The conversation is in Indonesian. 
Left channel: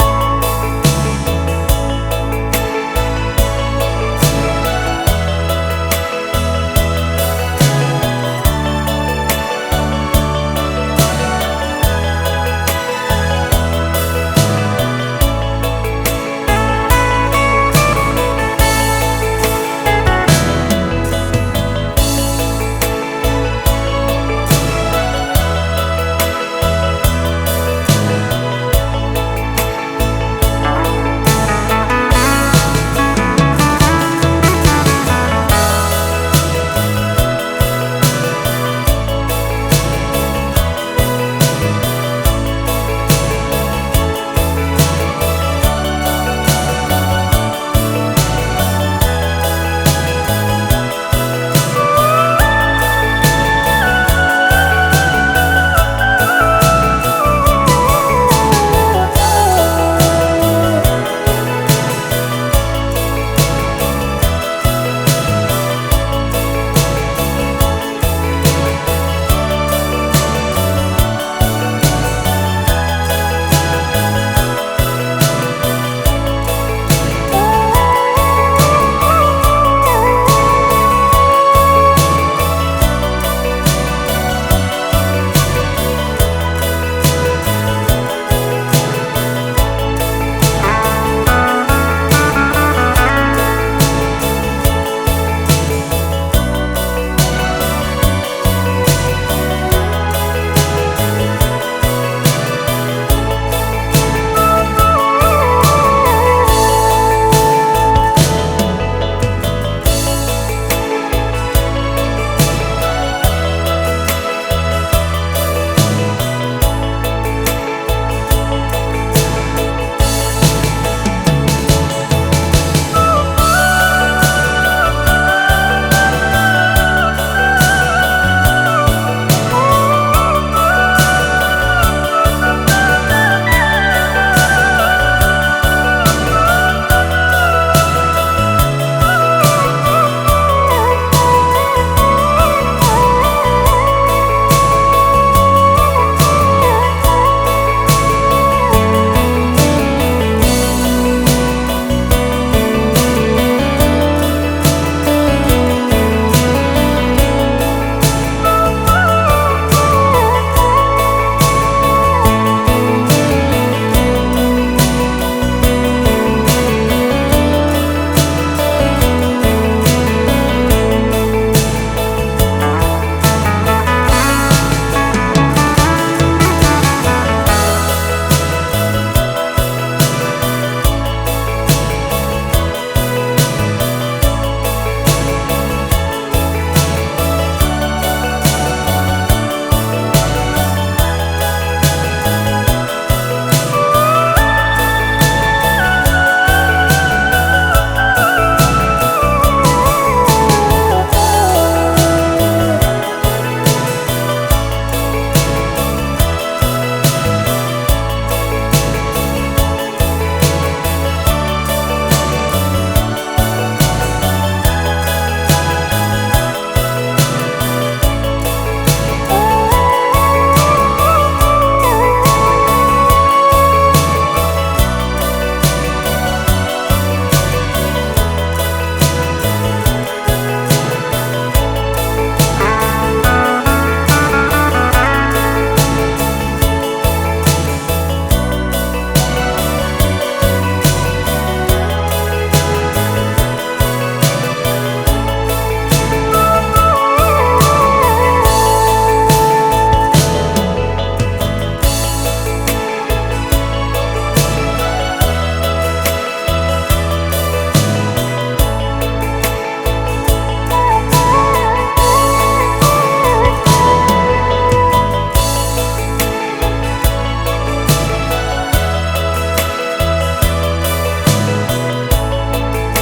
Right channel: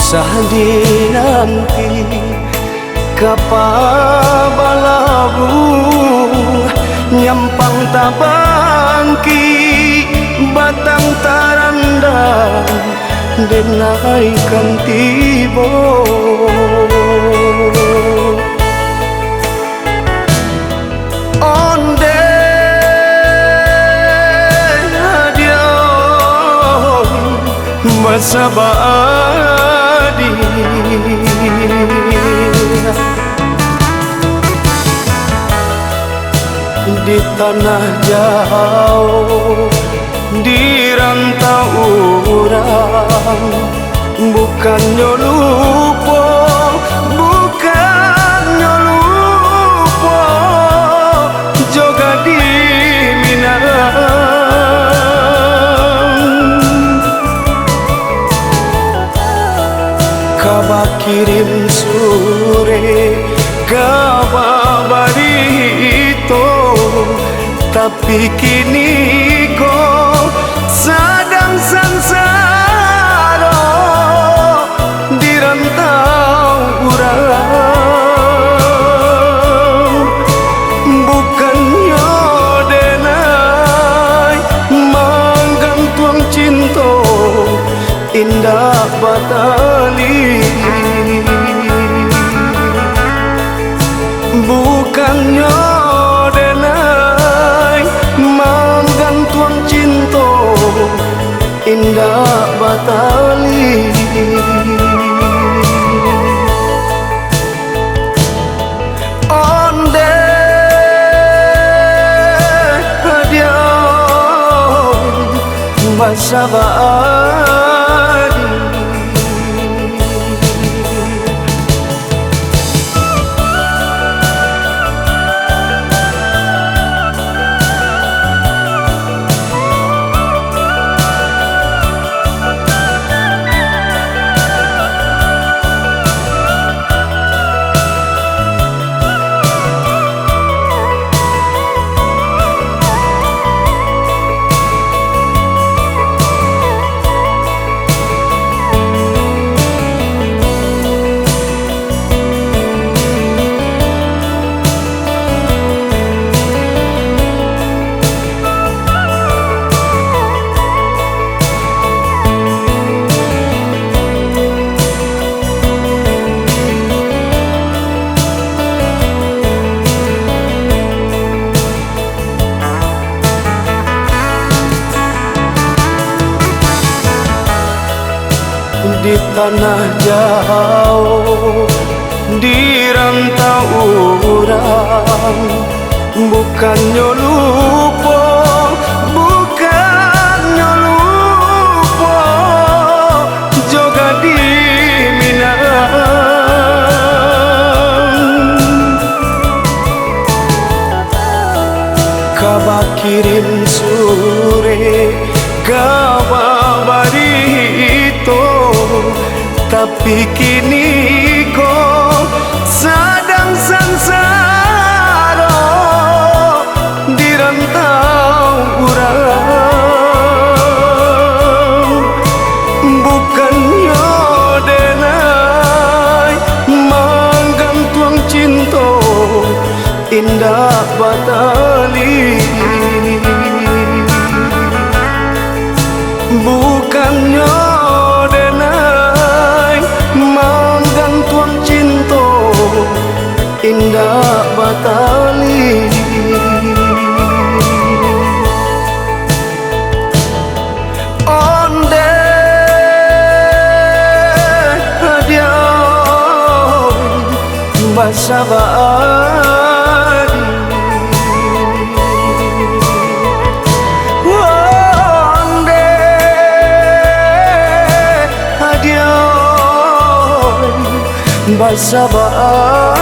usah dinanti kapabalabu nyampang tabangki batang tarandang denaikan tibo onde hadiah masabadi di tanah jauh di rantau orang bukannya lupa bukannya lupa juga di kabar kirim sore kabar barito tapi kini kok sedang sengsara di rantau urang bukannya denai menggantung cinta indah batali bukannya denai menggantung cinta indah batali onde hadiah masabadi di tanah jauh di rantau urang bukannya lupa bukannya lupa juga di kabar kirim sore kabar barito tapi kini kok sedang sengsara di rantau urang bukannya denai menggantung cinta indah batali bukannya denai menggantung cinta indah batali onde hadiah masabadi onde hadiah masabadi